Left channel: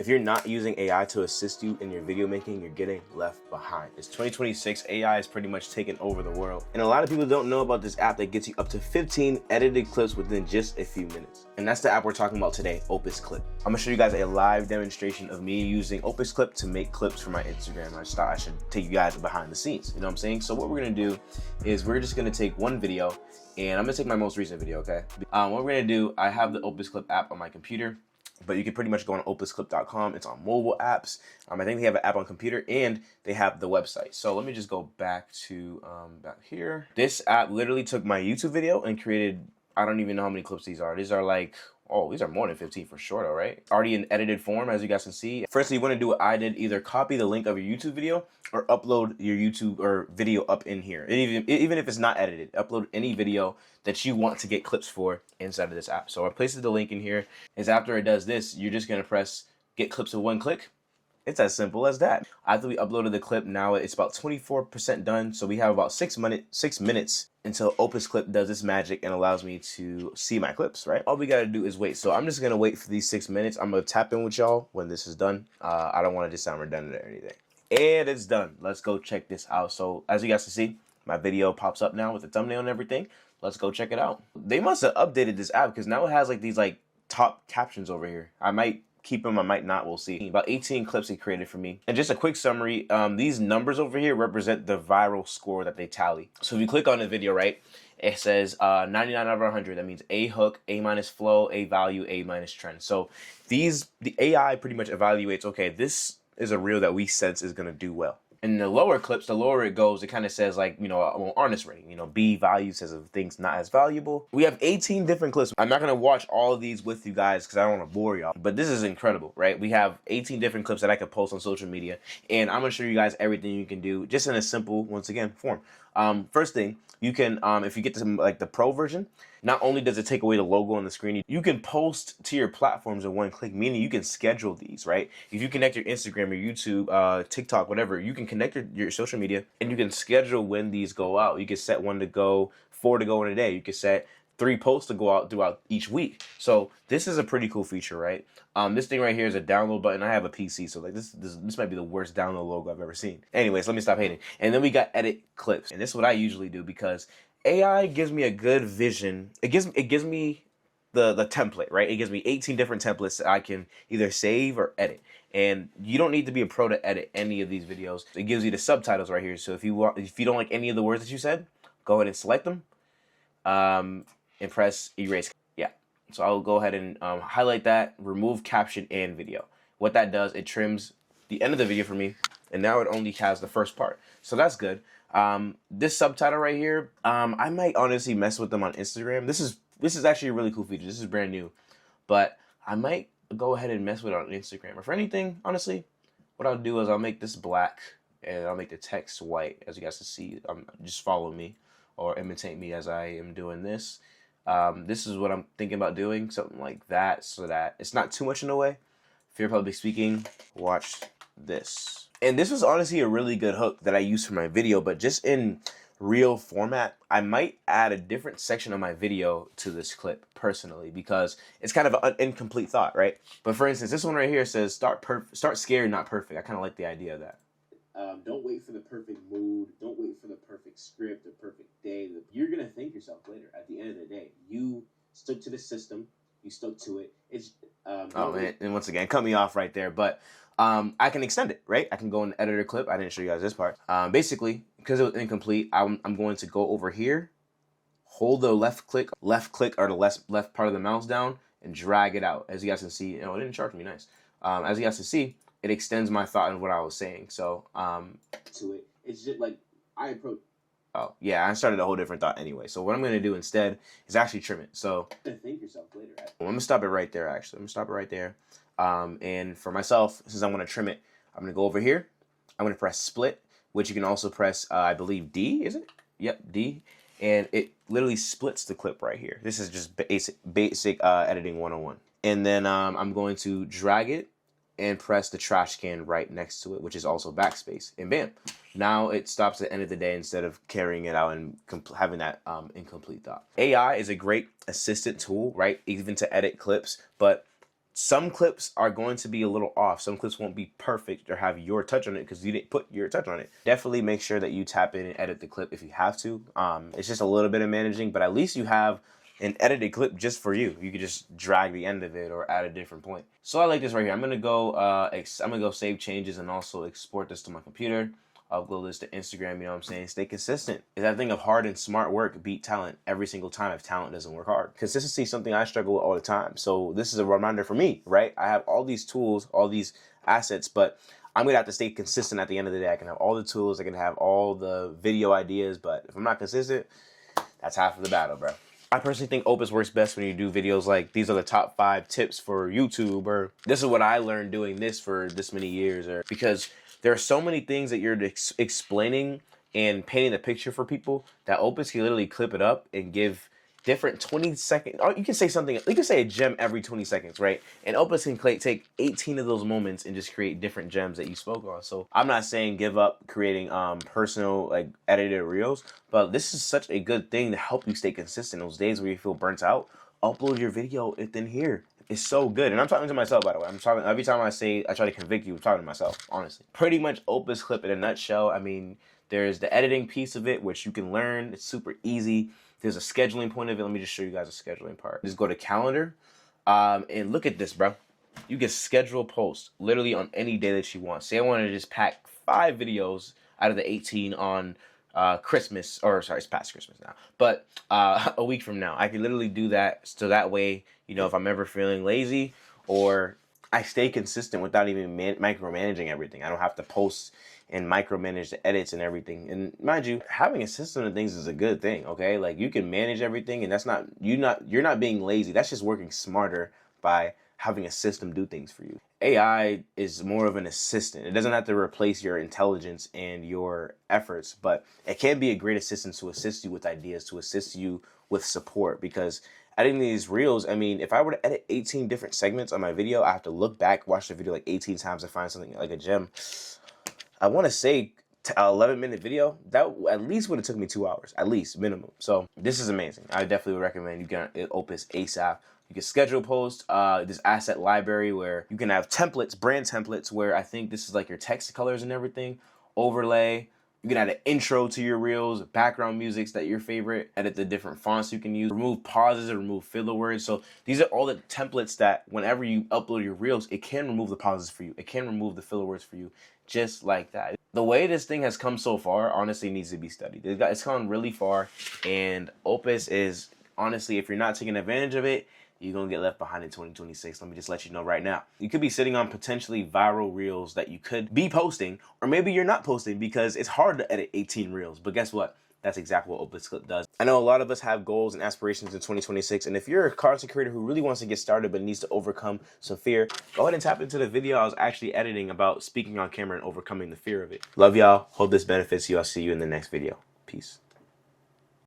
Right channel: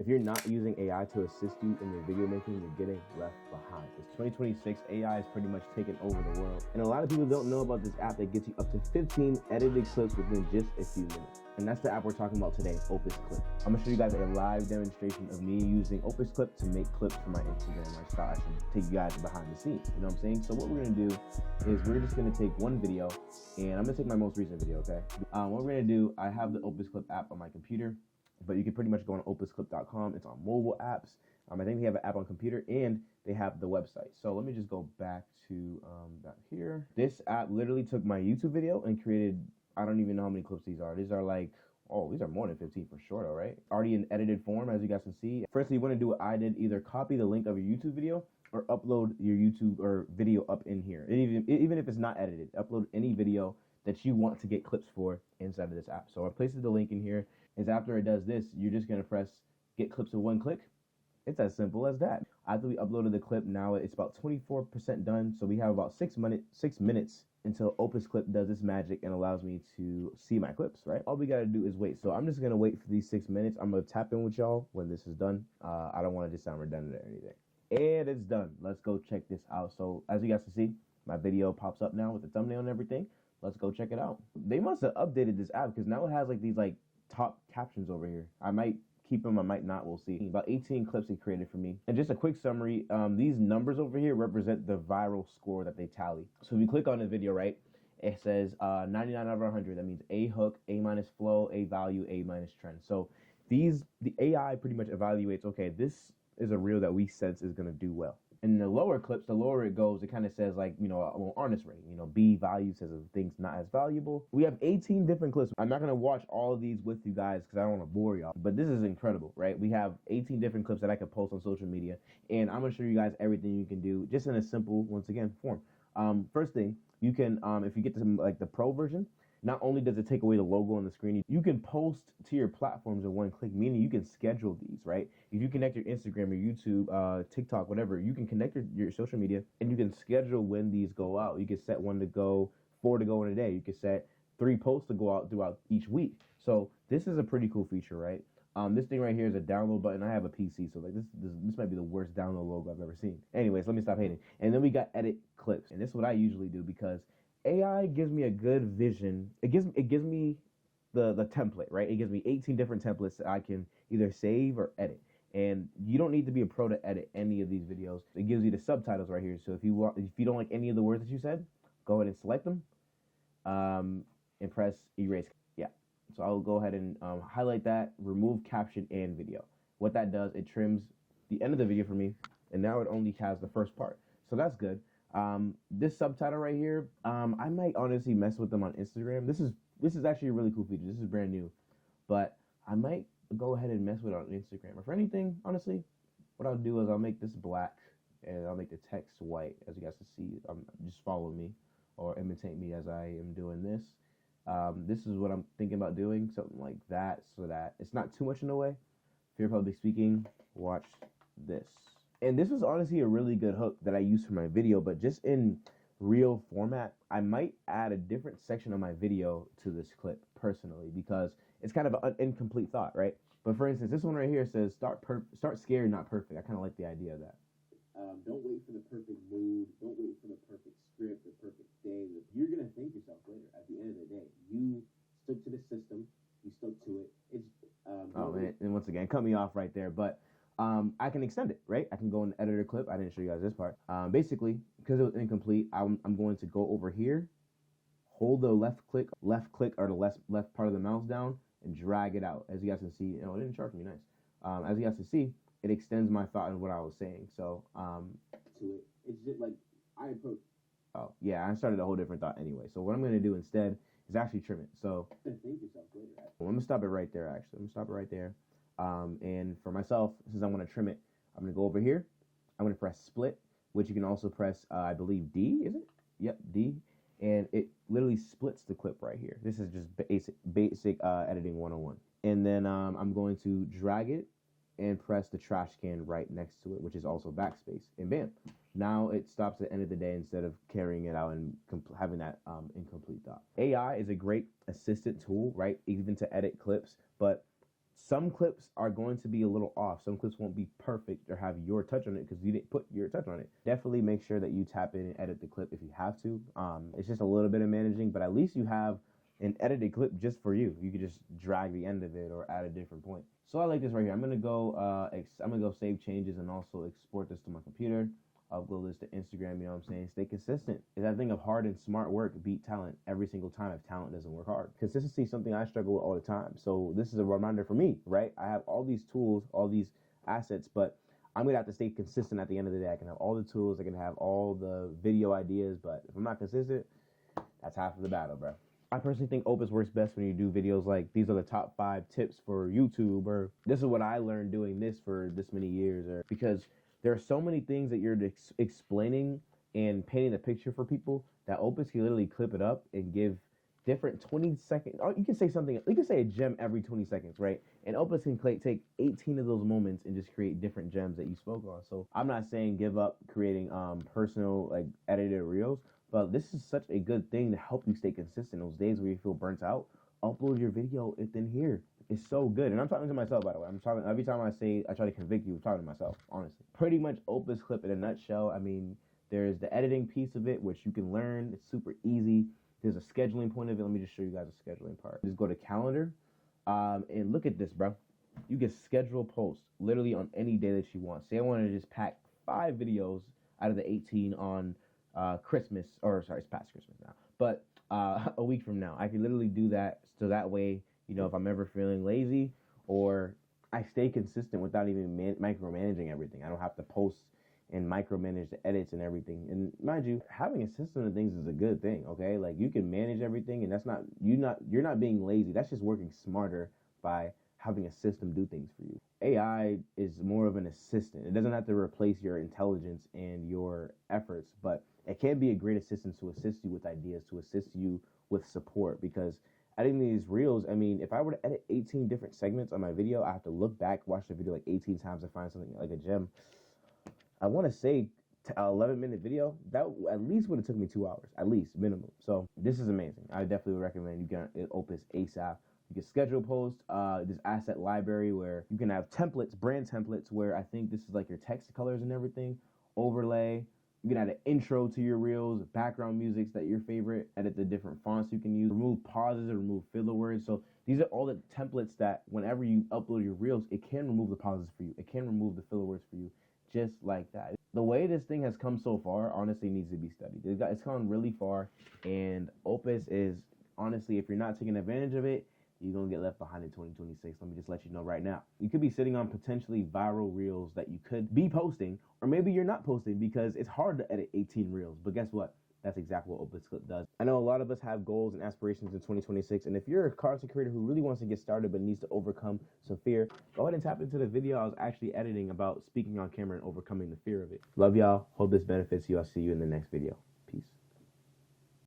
If you're not using AI to assist you in your video making, you're getting left behind. It's 2026, AI has pretty much taken over the world. And a lot of people don't know about this app that gets you up to 15 edited clips within just a few minutes. And that's the app we're talking about today, Opus Clip. I'm gonna show you guys a live demonstration of me using Opus Clip to make clips for my Instagram. I just thought I should take you guys behind the scenes, you know what I'm saying? So what we're gonna do is we're just gonna take one video, and I'm gonna take my most recent video, okay? What we're gonna do, I have the Opus Clip app on my computer, but you can pretty much go on opusclip.com. It's on mobile apps. I think they have an app on computer and they have the website. So let me just go back to back here. This app literally took my YouTube video and created, I don't even know how many clips these are. These are like, oh, these are more than 15 for sure though, right? Already in edited form, as you guys can see. Firstly, you want to do what I did, either copy the link of your YouTube video or upload your YouTube or video up in here. Even if it's not edited, upload any video that you want to get clips for inside of this app. So I pasted the link in here. Is after it does this, you're just gonna press get clips in one click. It's as simple as that. After we uploaded the clip, now it's about 24% done. So we have about 6 minutes until Opus Clip does this magic and allows me to see my clips, right? All we gotta do is wait. So I'm just gonna wait for these 6 minutes. I'm gonna tap in with y'all when this is done. I don't wanna just sound redundant or anything. And it's done. Let's go check this out. So as you guys can see, my video pops up now with the thumbnail and everything. Let's go check it out. They must have updated this app because now it has like these like top captions over here. I might keep them, I might not, we'll see. About 18 clips he created for me. And just a quick summary, these numbers over here represent the viral score that they tally. So if you click on the video, right, it says 99 out of 100. That means A hook, A minus flow, A value, A minus trend. So the AI pretty much evaluates, okay, this is a reel that we sense is gonna do well. In the lower clips, the lower it goes, it kind of says like, you know, honest rating, you know, B value says of things not as valuable. We have 18 different clips. I'm not going to watch all of these with you guys because I don't want to bore y'all, but this is incredible, right? We have 18 different clips that I could post on social media, and I'm going to show you guys everything you can do just in a simple, once again, form. First thing, you can, if you get to like the pro version, not only does it take away the logo on the screen, you can post to your platforms in one click, meaning you can schedule these, right? If you connect your Instagram, your YouTube, TikTok, whatever, you can connect your social media and you can schedule when these go out. You can set 1 to go, 4 to go in a day. You can set 3 posts to go out throughout each week. So this is a pretty cool feature, right? This thing right here is a download button. I have a PC, so like this might be the worst download logo I've ever seen. Anyways, let me stop hating. And then we got edit clips. And this is what I usually do because AI gives me a good vision. It gives me the template, right? It gives me 18 different templates that I can either save or edit. And you don't need to be a pro to edit any of these videos. It gives you the subtitles right here. So if you don't like any of the words that you said, go ahead and select them and press erase. Yeah. So I'll go ahead and highlight that, remove caption and video. What that does, it trims the end of the video for me, and now it only has the first part. So that's good. This subtitle right here, I might honestly mess with them on Instagram. This is actually a really cool feature. This is brand new, but I might go ahead and mess with it on Instagram. Or for anything, honestly, what I'll do is I'll make this black and I'll make the text white, as you guys can see. Just follow me or imitate me as I am doing this. This is what I'm thinking about doing, something like that, so that it's not too much in the way. Fear public speaking, watch this. And this was honestly a really good hook that I used for my video, but just in real format, I might add a different section of my video to this clip personally, because it's kind of an incomplete thought, right? But for instance, this one right here says start scared, not perfect. I kind of like the idea of that. Don't wait for the perfect mood. Don't wait for the perfect script, the perfect day. You're going to thank yourself later. At the end of the day, you stuck to the system. You stuck to it. It's oh man, and once again, cut me off right there. But I can extend it, right? I can go in the editor clip. I didn't show you guys this part. Basically, because it was incomplete, I'm going to go over here, hold the left click or the left part of the mouse down, and drag it out. As you guys can see, you know, it didn't charge me, nice. As you guys can see, it extends my thought and what I was saying. So to it, it's just like I approach. Oh yeah, I started a whole different thought anyway. So what I'm gonna do instead is actually trim it. So thank yourself later. I'm gonna stop it right there. Actually, I'm gonna stop it right there. And for myself, since I'm gonna trim it, I'm gonna go over here. I'm gonna press split, which you can also press, I believe D, is it? Yep, D. And it literally splits the clip right here. This is just basic editing 101. And then I'm going to drag it and press the trash can right next to it, which is also backspace, and bam. Now it stops at the end of the day instead of carrying it out and having that incomplete thought. AI is a great assistant tool, right? Even to edit clips, but Some clips are going to be a little off. Some clips won't be perfect or have your touch on it because you didn't put your touch on it. Definitely make sure that you tap in and edit the clip if you have to. It's just a little bit of managing, but at least you have an edited clip just for you. You could just drag the end of it or add a different point. So I like this right here. I'm gonna go save changes and also export this to my computer. Upload this to Instagram, you know what I'm saying? Stay consistent. Is that thing of hard and smart work beat talent every single time if talent doesn't work hard. Consistency is something I struggle with all the time. So this is a reminder for me, right? I have all these tools, all these assets, but I'm gonna have to stay consistent at the end of the day. I can have all the tools, I can have all the video ideas, but if I'm not consistent, that's half of the battle, bro. I personally think Opus works best when you do videos like these are the top 5 tips for YouTube, or this is what I learned doing this for this many years, or because there are so many things that you're explaining and painting the picture for people that Opus can literally clip it up and give different 20-second, or you can say something, you can say a gem every 20 seconds, right? And Opus can take 18 of those moments and just create different gems that you spoke on. So I'm not saying give up creating personal, like, edited reels, but this is such a good thing to help you stay consistent those days where you feel burnt out. Upload your video within here. It's so good. And I'm talking to myself, by the way. I'm talking every time I try to convict you, I'm talking to myself, honestly. Pretty much Opus clip in a nutshell. I mean, there's the editing piece of it, which you can learn. It's super easy. There's a scheduling point of it. Let me just show you guys a scheduling part. Just go to calendar and look at this, bro. You can schedule posts literally on any day that you want. Say I want to just pack 5 videos out of the 18 on Christmas, or sorry, it's past Christmas now, but a week from now. I can literally do that, so that way, you know, if I'm ever feeling lazy, or I stay consistent without even micromanaging everything. I don't have to post and micromanage the edits and everything. And mind you, having a system of things is a good thing, okay? Like, you can manage everything, and that's not, you're not being lazy. That's just working smarter by having a system do things for you. AI is more of an assistant. It doesn't have to replace your intelligence and your efforts, but it can be a great assistant to assist you with ideas, to assist you with support. Because editing these reels, I mean, if I were to edit 18 different segments on my video, I have to look back, watch the video like 18 times to find something like a gem. I want to say 11-minute video, that at least would have took me 2 hours, at least minimum. So this is amazing. I definitely would recommend you get Opus ASAP. You can schedule posts, this asset library where you can have templates, brand templates, where I think this is like your text colors and everything, overlay. You can add an intro to your reels, background musics that your favorite, edit the different fonts you can use, remove pauses and remove filler words. So these are all the templates that whenever you upload your reels, it can remove the pauses for you. It can remove the filler words for you, just like that. The way this thing has come so far, honestly, needs to be studied. It's gone really far, and Opus is, honestly, if you're not taking advantage of it, you're going to get left behind in 2026. Let me just let you know right now. You could be sitting on potentially viral reels that you could be posting, or maybe you're not posting because it's hard to edit 18 reels. But guess what? That's exactly what Opus Clip does. I know a lot of us have goals and aspirations in 2026, and if you're a content creator who really wants to get started but needs to overcome some fear, go ahead and tap into the video I was actually editing about speaking on camera and overcoming the fear of it. Love y'all. Hope this benefits you. I'll see you in the next video. Peace.